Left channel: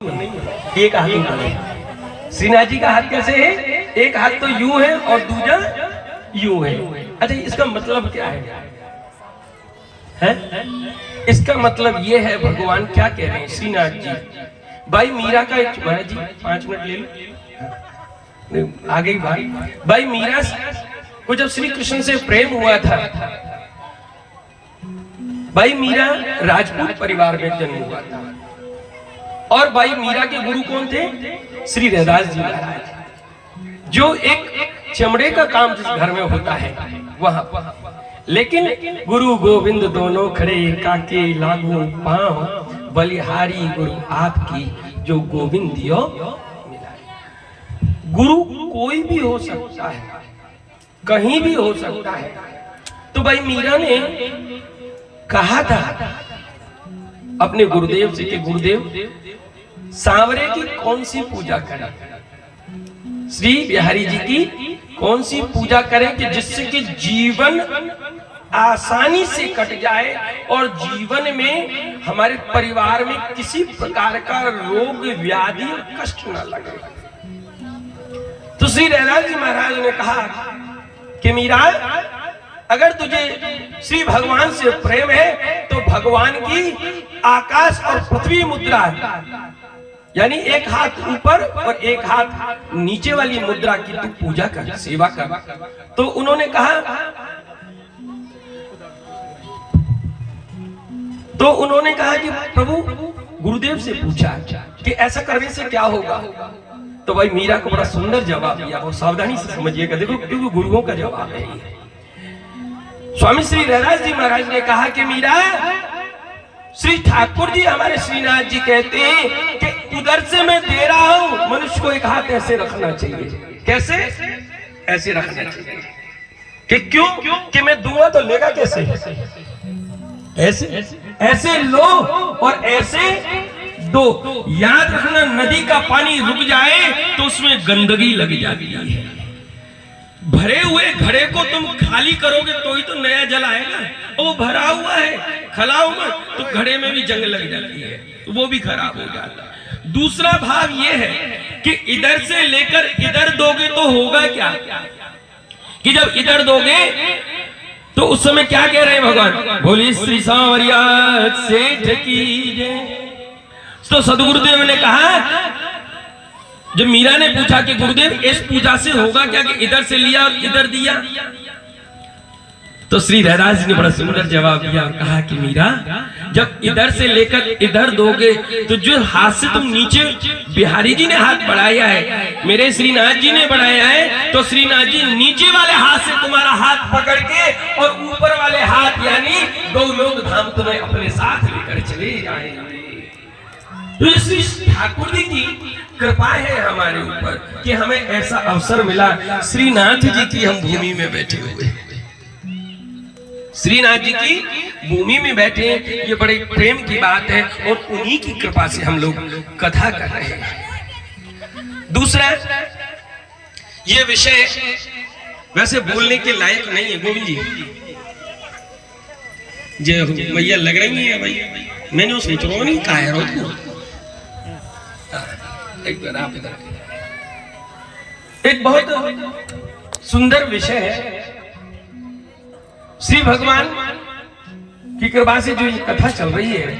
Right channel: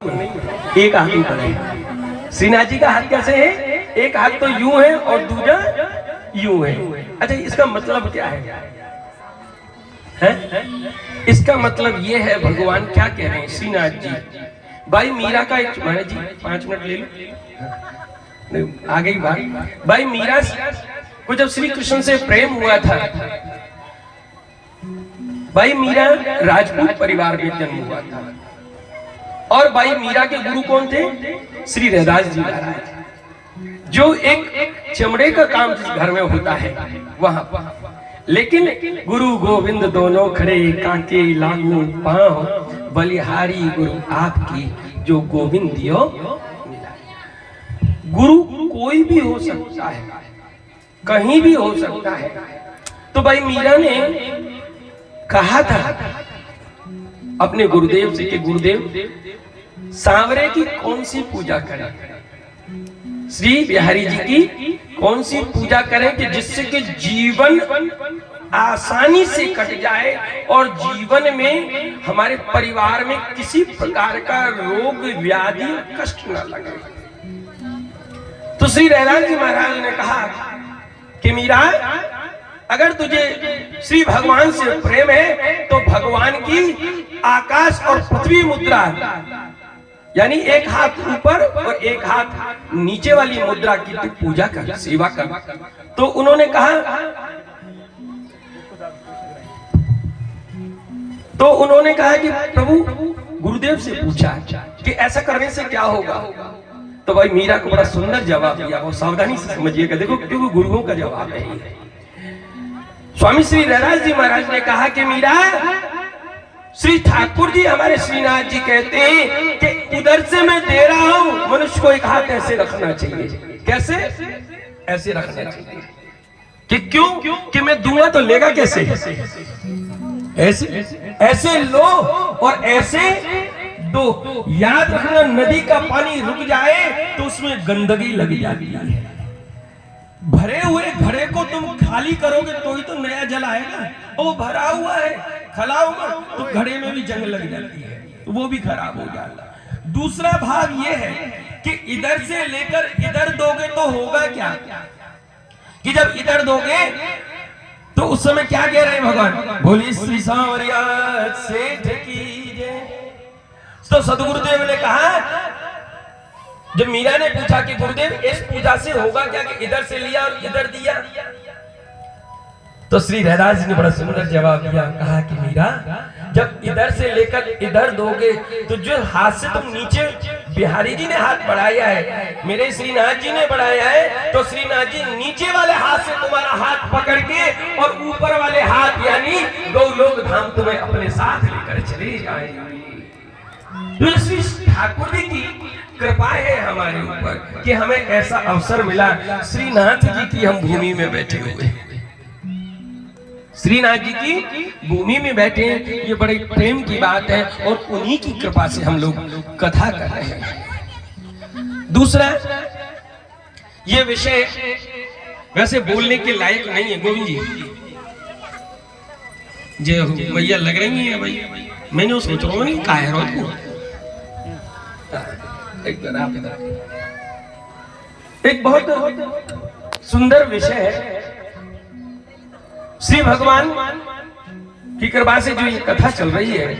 एक हाथ ऊपर है। श्रीनाथ जी का हाथ कैसे है? एक हाथ तो यूं है और दूजा यूं है। अच्छा, इसका मतलब क्या है? इसका मतलब ये है, भगवान क्या कह रहे हैं श्रीनाथ जी? भाई मीरा का एक, महाराज जी 5 मिनट ले लो, आ गई बात। भाई मीरा को जब श्री कृष्ण से प्रेम हुआ था, भाई मीरा राजपूत परिवार में जन्म हुआ था और भाई मीरा के गुरु कौन थे? श्री रैदास जी महाराज, जो एक चमड़े का काम जिस घर में होता है वहां। लेकिन गुरु गोविंद दोनों खड़े, काके लागू पांव, बलिहारी गुरु आपकी, जो गोविंद दियो मिला। गुरु कोई भी हो सकता है, कहीं भी हो सकता है। तो भाई मीरा ने कहा था अपने गुरुदेव से कि गुरुदेव सांवरे की कौन सी पूजा करें, श्री बिहारी जी की कौन सी पूजा करें कि जिससे कि जीवन आसानी से कट जाए और जीवन में हमारे परिवार में किसी प्रकार का रोग व्याधि कष्ट न लगे। तो श्री रैदास जी महाराज ने कहा कि मीरा, अगर तुझे श्री भगवान से प्रेम है तो भगवान की आकाश और पृथ्वी मुद्रा, यानी एक हाथ ऊपर और एक हाथ नीचे वाली मुद्रा की तू पूजा कर, सेवा कर। तो उन्होंने कहा कि प्रभु, गुरुदेव से पूछा कि ऐसा करने से क्या होगा। तो भाई मीरा को बड़ा सुंदर जवाब दिया, और सावधानी से समझिएगा, देखो क्योंकि गुरुओं का जवाब है। स्वामी श्री रैदास जी महाराज ने कहा कि मीरा, श्री ठाकुर जी हमारे श्रीनाथ जी कहते हैं कि उधर से मैं दे रहा हूं, मनुष्य को एक हाथ ऐसे रखना चाहिए। कैसे? ऐसे रखना चाहिए। कि क्यों? कि मैं दूंगा तो लेगा कैसे? ऐसे ऐसे लो और ऐसे दो। याद रखना, नदी का पानी रुक जाए तो उसमें गंदगी लग जाती है। भरे हुए घड़े को तुम खाली करोगे तो ही तो नया जल आएगा। वो भरा हुआ है, खलाओ मत तो घड़े में भी जंग लग जाती है, तो वो भी खराब हो जाता है। दूसरा भाव ये है कि इधर से लेकर इधर दोगे तो होगा क्या, कि जब इधर दोगे तो उस समय क्या कह रहे हैं भगवान? बोलिए श्री सांवरिया सेठ की जय। तो सदगुरुदेव ने कहा, जब मीरा ने पूछा कि गुरुदेव इस पूजा से होगा क्या कि इधर से लिया इधर दिया, तो श्री रैदास जी ने बड़ा सुंदर जवाब दिया। कहा कि मीरा, जब इधर से लेकर इधर दोगे तो जो हाथ से तुम नीचे, बिहारी जी ने हाथ बढ़ाया है, मेरे श्रीनाथ जी ने बढ़ाया है, तो श्रीनाथ जी नीचे वाले हाथ से तुम्हारा हाथ पकड़ के और ऊपर वाले हाथ यानी दो लोग धाम तुम्हें अपने साथ लेकर चले जाएंगे। तो श्री ठाकुर जी की कृपा है हमारे ऊपर कि हमें ऐसा अवसर मिला। श्रीनाथ जी की हम भूमि में बैठे हुए हैं, श्रीनाथ जी की भूमि में बैठे हैं, ये बड़े प्रेम की बात है और उन्हीं की कृपा से हम लोग कथा कर रहे हैं। दूसरा, ये विषय वैसे बोलने के लायक नहीं है। गोविंद जी जो भैया लग रही है भाई, मैंने सोच रहा हूँ नहीं कायरो एक बहुत सुंदर विषय है। श्री भगवान की कृपा से जो ये कथा चल रही है,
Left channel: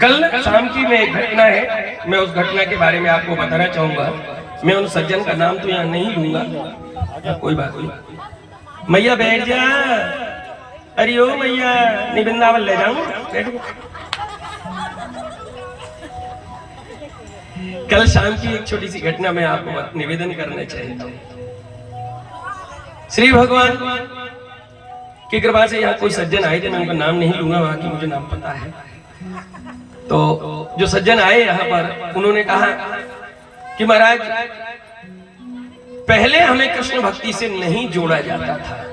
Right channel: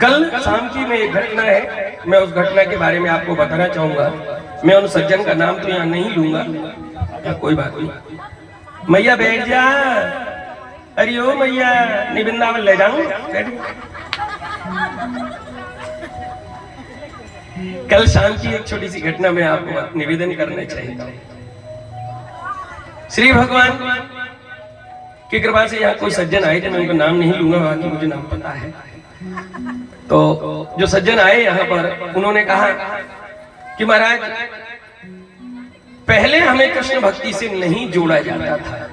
कल शाम की में एक घटना है, मैं उस घटना के बारे में आपको बताना चाहूंगा। मैं उन सज्जन का नाम तो यहाँ नहीं लूंगा, कोई बात नहीं। मैया बैठ जा, अरे ओ मैया, निबंधावन ले जाऊं। कल शाम की एक छोटी सी घटना मैं आपको निवेदन करना चाहता हूँ। श्री भगवान की कृपा से यहाँ कोई सज्जन आए थे, मैं उनका नाम नहीं लूंगा, कि मुझे नाम पता है। तो जो सज्जन आए यहाँ पर, उन्होंने कहा कि महाराज, पहले हमें कृष्ण भक्ति से नहीं जोड़ा जाता था।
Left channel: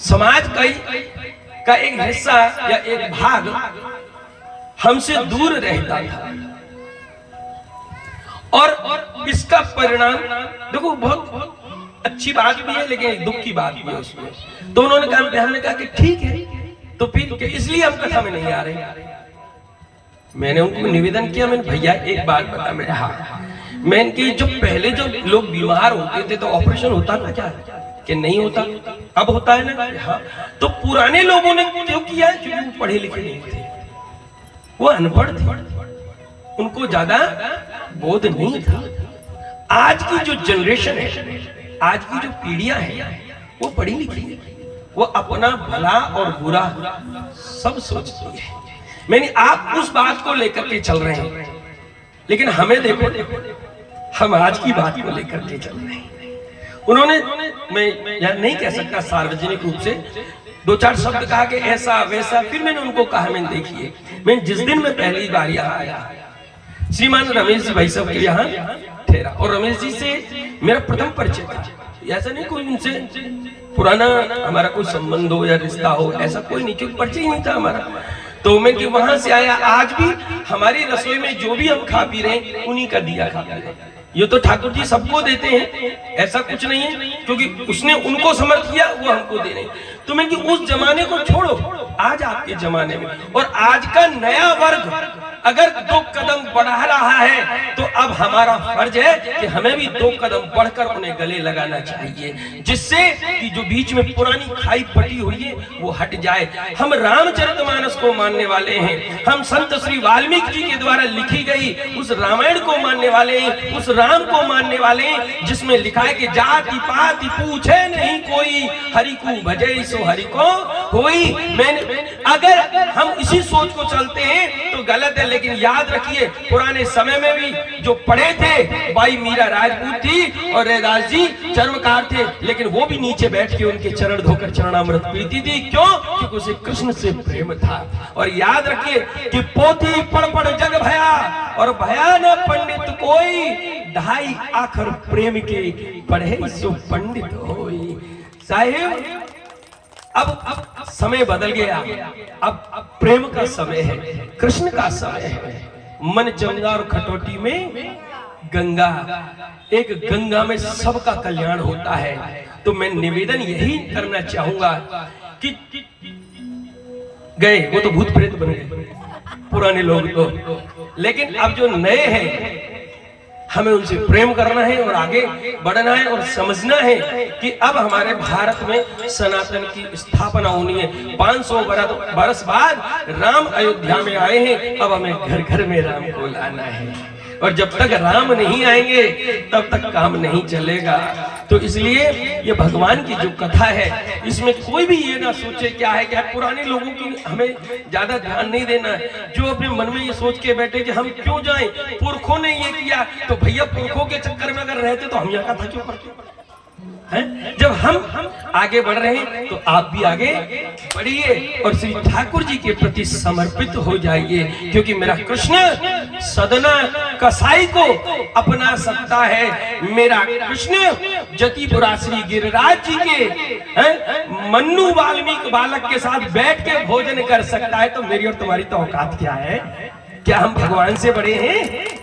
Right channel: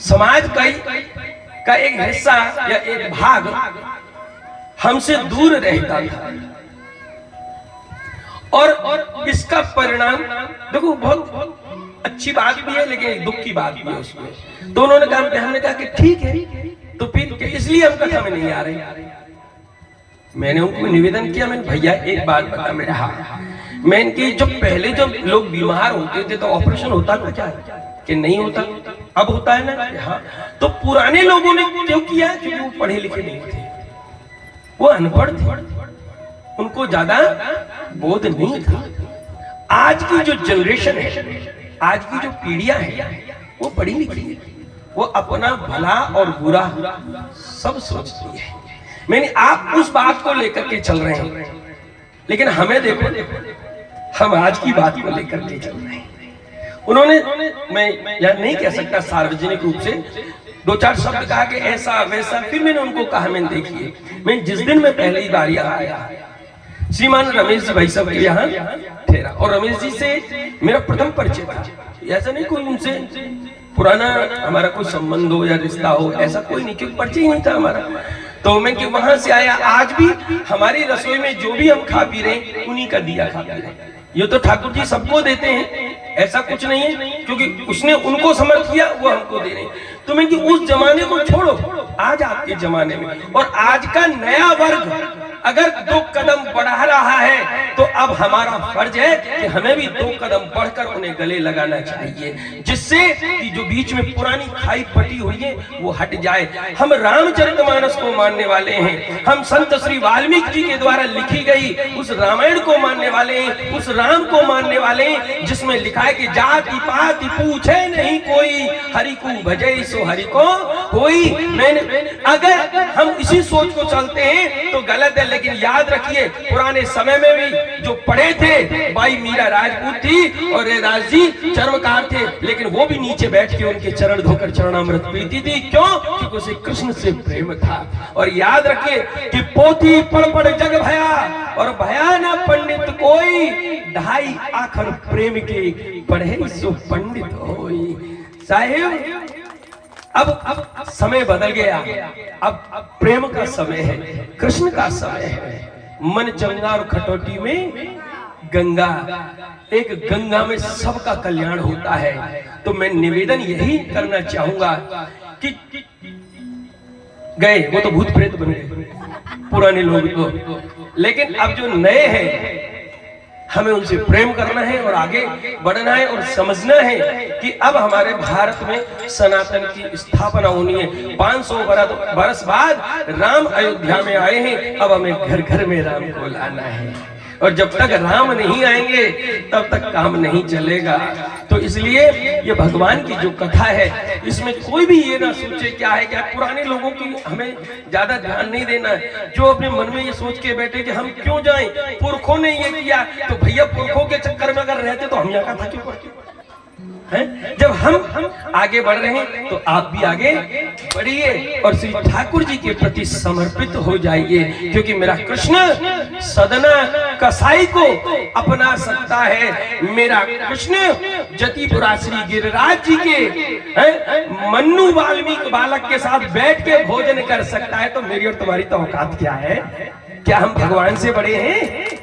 समाज का एक हिस्सा या एक भाग हमसे दूर रहता था और इसका परिणाम देखो, बहुत अच्छी बात भी है लेकिन दुख की बात भी है उसमें। तो उन्होंने कहा कि ठीक है, तो फिर इसलिए हम कथा में नहीं आ रहे। मैंने उनको निवेदन किया, मैंने भैया एक बात बता मेरे, हाँ मैं इनकी जो पहले जो लोग बीमार होते थे तो ऑपरेशन होता था क्या कि नहीं होता, अब होता है ना, हाँ। तो पुराने लोगों ने क्यों किया? क्योंकि वो पढ़े लिखे नहीं थे, वो अनपढ़ थे, उनको ज्यादा बोध नहीं था। आज की जो जनरेशन है, आज की जो पीढ़ियां हैं, वो पढ़ी लिखी है, वो अपना भला और बुरा सब सोचती है। मैंने आप उस बात को लेकर के चल रहे हैं, लेकिन हमें देखो, हम आज की बात को लेकर के चल रहे हैं। उन्होंने, मैं यह नहीं कह सकता सार्वजनिक रूप से, दो चार शब्द कहा कि ऐसा वैसा। फिर मैंने उनको कहा, मैंने देखिए, मैं जिस दिन मैं पहली बार यहाँ आया, श्रीमान रमेश जी भाई साहब के यहाँ ठहरा, और रमेश जी से मेरा प्रथम परिचय था। ऐसा नहीं कोई उनसे पुराना हमारा कोई संबंध हो या रिश्ता हो, ऐसा कोई नहीं, क्योंकि परिचय ही नहीं था हमारा। तो मैं वहां से आया, आज भी हमारी रसोई में जो भी हम खा पी रहे हैं उन्हीं का दिया खा पी रहे हैं। ये तो ठाकुर जी सबको देते हैं, ऐसा कुछ नहीं है, क्योंकि उसने उनको समर्थ किया, वो हमको दे रहे हैं। तो मैं उस जमाने को छोड़ो, आज आपके जमाने में और आज का नया वर्ग अगर 2 कदम बढ़ा रहा है, तो अब हमारा फर्ज है कि हमें भी 2 कदम बढ़कर उन्हें गले लगाना चाहिए, जिससे कि जो बीच में पुरानी खाई पटी हुई है वो हट जाए। हम रामचरितमानस को मानने वाले हैं, हम संत श्री वाल्मीकि जी के द्वारा लिखी गई उस रामायण को मानने वाले हैं, उस राम को मानने वाले हैं, जिसमें लिखा है कि जाति पाति पूछे नहीं कोई, हरि को भजे सो हरि को कोई। मैंने अगर हम इसी सोच को चलते हैं तो गलत है, लेकिन याद रखिए पुराने समय में भी जो पढ़े थे, भाई मीरा राजपूत थी और रैदास जी चर्मकार थे, लेकिन वो भी नीचे बैठ के उनके चरण धोकर चरणामृत पीती थी। क्यों? क्योंकि उसे कृष्ण से प्रेम था। और याद रखिए कि पोथी पढ़ पढ़ जग भया और भया न पंडित कोई, ढाई आखर प्रेम के पढ़े सो पंडित होई। साहिब अब समय बदल गया, अब प्रेम का समय है, कृष्ण का समय है। मन चंगा और खटोटी में गंगा, एक गंगा में सबका कल्याण होता है। तो मैं निवेदन यही करना चाहूंगा कि गए वो तो भूत प्रेत बन गए पुराने लोग तो, लेकिन अब जो नए हैं हमें उनसे प्रेम करना है और आगे बढ़ना है और समझना है कि अब हमारे भारत में सनातन की स्थापना होनी है। 500 वर्ष बाद राम अयोध्या में आए हैं, अब हमें घर घर में राम को लाना है, और जब तक राम नहीं आएंगे तब तक काम नहीं चलेगा। तो इसलिए ये भगवान की जो कथा है, इसमें कोई भी ये ना सोचे क्या है क्या, पुराने लोगों की हमें ज्यादा ध्यान नहीं देना है, जो अपने मन में ये सोच के बैठे कि हम क्यों जाएं, पुरखों ने ये किया, तो भैया पुरखों के चक्कर में अगर रहते तो हम यहाँ कथा क्यों पढ़ते हैं? जब हम आगे बढ़ रहे हैं तो आप भी आगे बढ़िए और श्री ठाकुर जी के प्रति समर्पित हो जाइए, क्योंकि मेरा कृष्ण सदना कसाई को अपना सकता है। मेरा कृष्ण जतिपुरा श्री गिरिराज जी के मन्नू वाल्मीकि बालक के साथ बैठ के भोजन कर सकता है। तो मेरी और तुम्हारी तो औकात क्या है? क्या हम भगवान से बड़े हैं?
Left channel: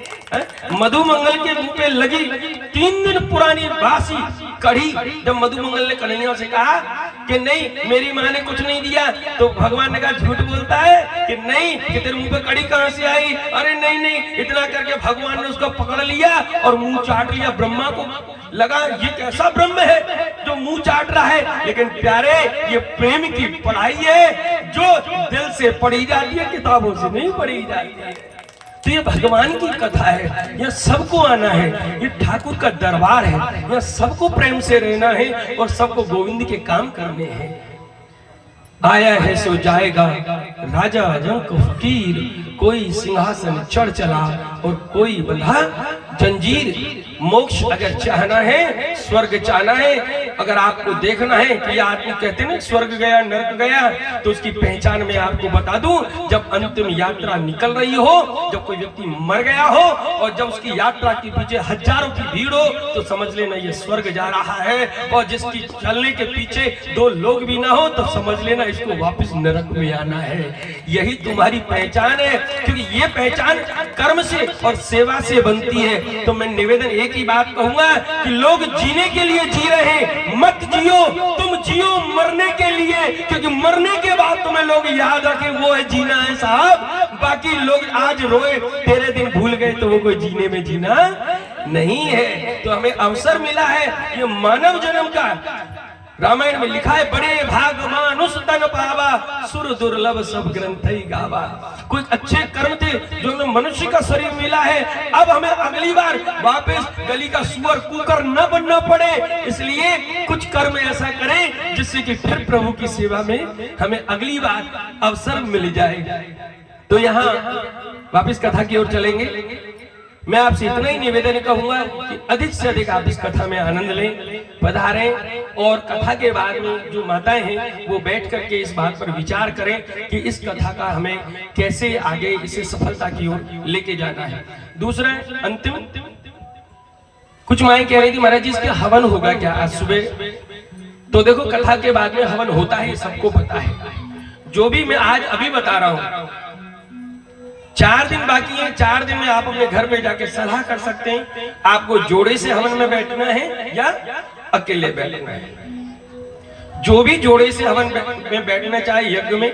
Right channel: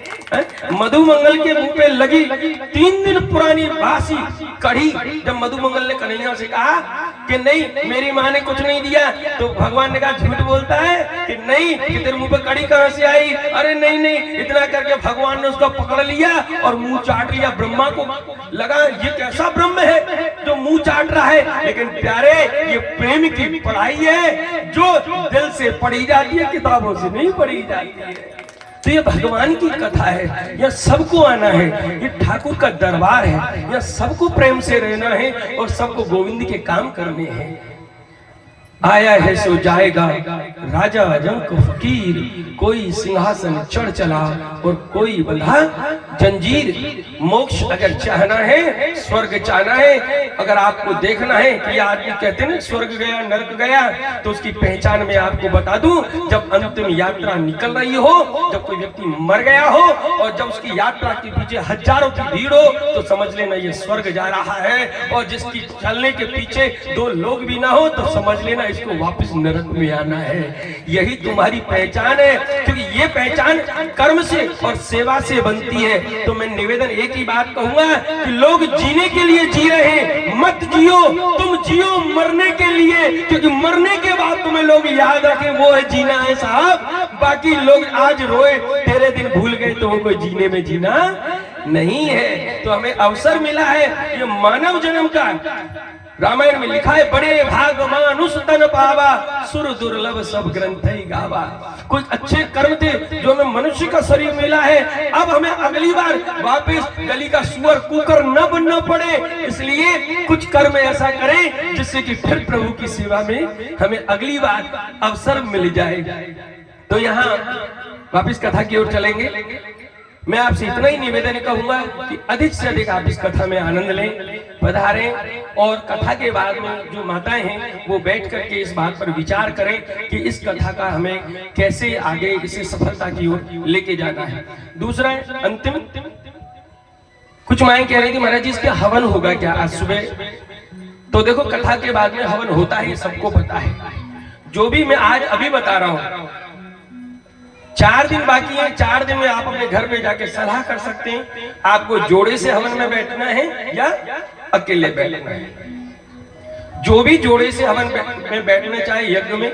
मधुमंगल के मुंह पे लगी 3 दिन पुरानी बासी कढ़ी, जब मधुमंगल ने कन्हैया से कहा कि नहीं मेरी माँ ने कुछ नहीं दिया, तो भगवान ने कहा झूठ बोलता है कि नहीं, कि तेरे मुंह पे कढ़ी कहां से आई? अरे नहीं नहीं, इतना करके भगवान ने उसको पकड़ लिया और मुंह चाट लिया। ब्रह्मा को लगा ये कैसा ब्रह्म है जो मुंह चाट रहा है, लेकिन प्यारे ये प्रेम की पढ़ाई है जो दिल से पढ़ी जाती है, किताबों से नहीं पढ़ी जाती है। तो ये भगवान की कथा है, यह सबको आना है, ये ठाकुर का दरबार है, यह सबको प्रेम से रहना है और सबको गोविंद के काम करने हैं। आया है सो जाएगा राजा रंक फकीर, कोई सिंहासन चढ़ चला और कोई बंधा जंजीर। मोक्ष अगर चाहना है, स्वर्ग चाहना है, अगर आपको देखना है कि आदमी कहते हैं ना स्वर्ग गया नरक गया, तो उसकी पहचान मैं आपको बता दूं, जब अंतिम यात्रा निकल रही हो, जब कोई व्यक्ति मर गया हो और जब उसकी यात्रा के पीछे हजारों की भीड़ हो, तो समझ लेना ये स्वर्ग जा रहा है। और जिसकी चलने के पीछे 2 लोग भी ना हो, तो समझ लेना इसको वापस नरक में आना है। यही तुम्हारी पहचान है, क्योंकि ये पहचान कर्म से और सेवा से बनती है। तो मैं निवेदन एक ही बात कहूंगा कि लोग जीने के लिए जी रहे हैं, मत जियो, तुम जियो मरने के लिए, क्योंकि मरने के बाद तुम्हें लोग याद रखें वो है जीना है साहब। बाकी लोग आज रोए तेरे दिन भूल गए तो वो कोई जीने में जीना नहीं है। तो हमें अवसर मिला है ये मानव जन्म का। रामायण में लिखा है बड़े भाग मानुष तन पावा, सुर दुर्लभ सब ग्रंथ ही गावा। कुछ अच्छे कर्म थे जो हमें मनुष्य का शरीर मिला है। अब हमें अगली बार वापस गली का सुअर कुकर न बनना पड़े, इसलिए कुछ कर्म ऐसा करें जिससे कि फिर प्रभु की सेवा में हमें अगली बार अवसर मिल जाए। तो यहाँ वापस कथा की ओर चलेंगे। मैं आपसे इतना ही निवेदन कहूंगा कि अधिक से अधिक आप इस कथा में आनंद लें, पधारें और कथा के बाद में जो माताएं हैं वो बैठ करके इस बात पर विचार करें कि इस कथा का हमें कैसे आगे इसे सफलता की ओर लेके जाना है। दूसरा अंतिम, कुछ माएं कह रही थी महाराज जी इसके हवन होगा क्या आज सुबह? तो देखो कथा के बाद में हवन होता है, सबको पता है। जो भी मैं आज अभी बता रहा हूं, 4 दिन बाकी है। 4 दिन में आप अपने घर पे जाके सलाह कर सकते हैं आपको जोड़े से हवन में बैठना है या अकेले बैठना है। जो भी जोड़े से हवन में बैठना चाहे यज्ञ में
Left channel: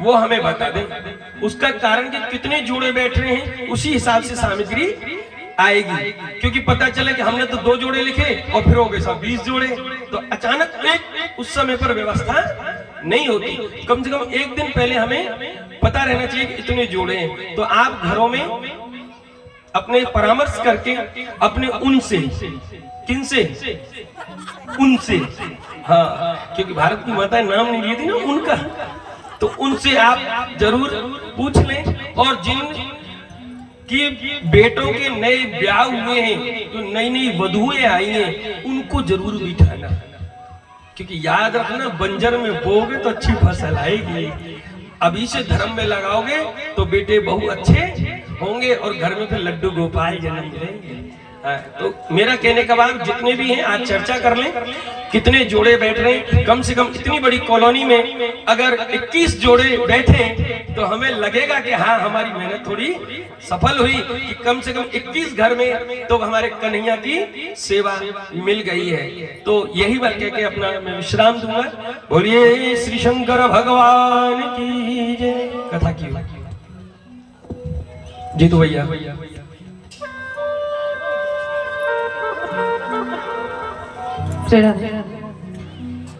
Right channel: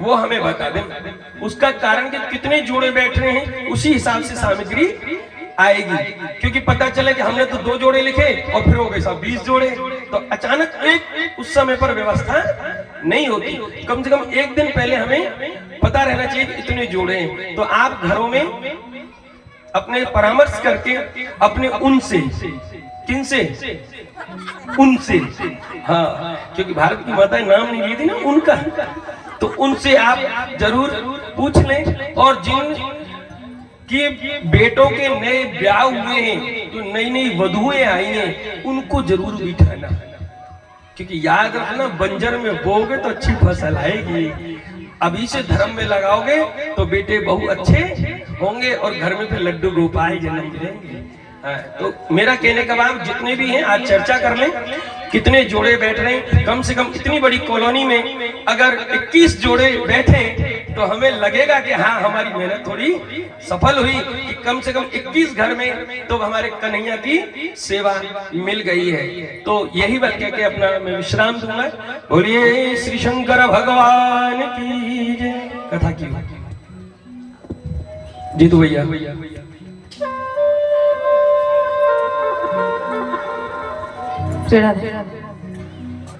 वो हमें बता दें। उसका कारण कि कितने जोड़े बैठ रहे हैं उसी हिसाब से सामग्री आएगी। क्योंकि पता चले कि हमने तो 2 जोड़े लिखे और फिर हो गए सब 20 जोड़े, तो अचानक एक उस समय पर व्यवस्था नहीं होती। कम से कम 1 दिन पहले हमें पता रहना चाहिए कि इतने जोड़े हैं। तो आप घरों में अपने परामर्श करके अपने उनसे, किनसे, उनसे, हाँ क्योंकि भारत की माता नाम नहीं ली थी ना उनका, तो उनसे आप जरूर पूछ लें। और जिन कि बेटों के नए ब्याह हुए हैं, जो नई नई वधुएं आई हैं, उनको जरूर बिठाना। क्योंकि याद रखना बंजर में बोओगे तो अच्छी फसल आएगी, अभी से धर्म में लगाओगे तो बेटे बहु अच्छे होंगे और घर में फिर लड्डू गोपाल जन्म लेंगे। तो मेरा कहने का भाव जितने भी हैं आज चर्चा कर लें कितने जोड़े बैठ रहे हैं। कम से कम इतनी बड़ी कॉलोनी में अगर 21 जोड़े बैठे तो हमें लगेगा कि हाँ हमारी मेहनत थोड़ी सफल हुई, कि कम से कम 21 घर में तो हमारे कन्हैया की सेवा मिल गई है। तो यही बात कह के अपना मैं विश्राम दूंगा। बोलिए श्री शंकर भगवान की जय। कथा की जीतू भैया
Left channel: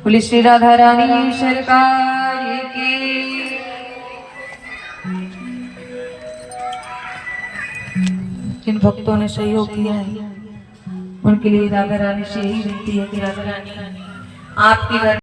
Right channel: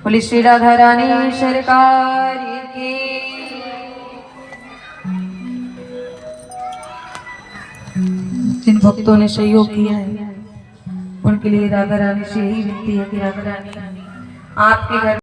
बोले श्री राधा रानी सरकार की। जिन भक्तों ने सहयोग किया है उनके लिए राधा रानी से यही विनती है कि राधा रानी आपके घर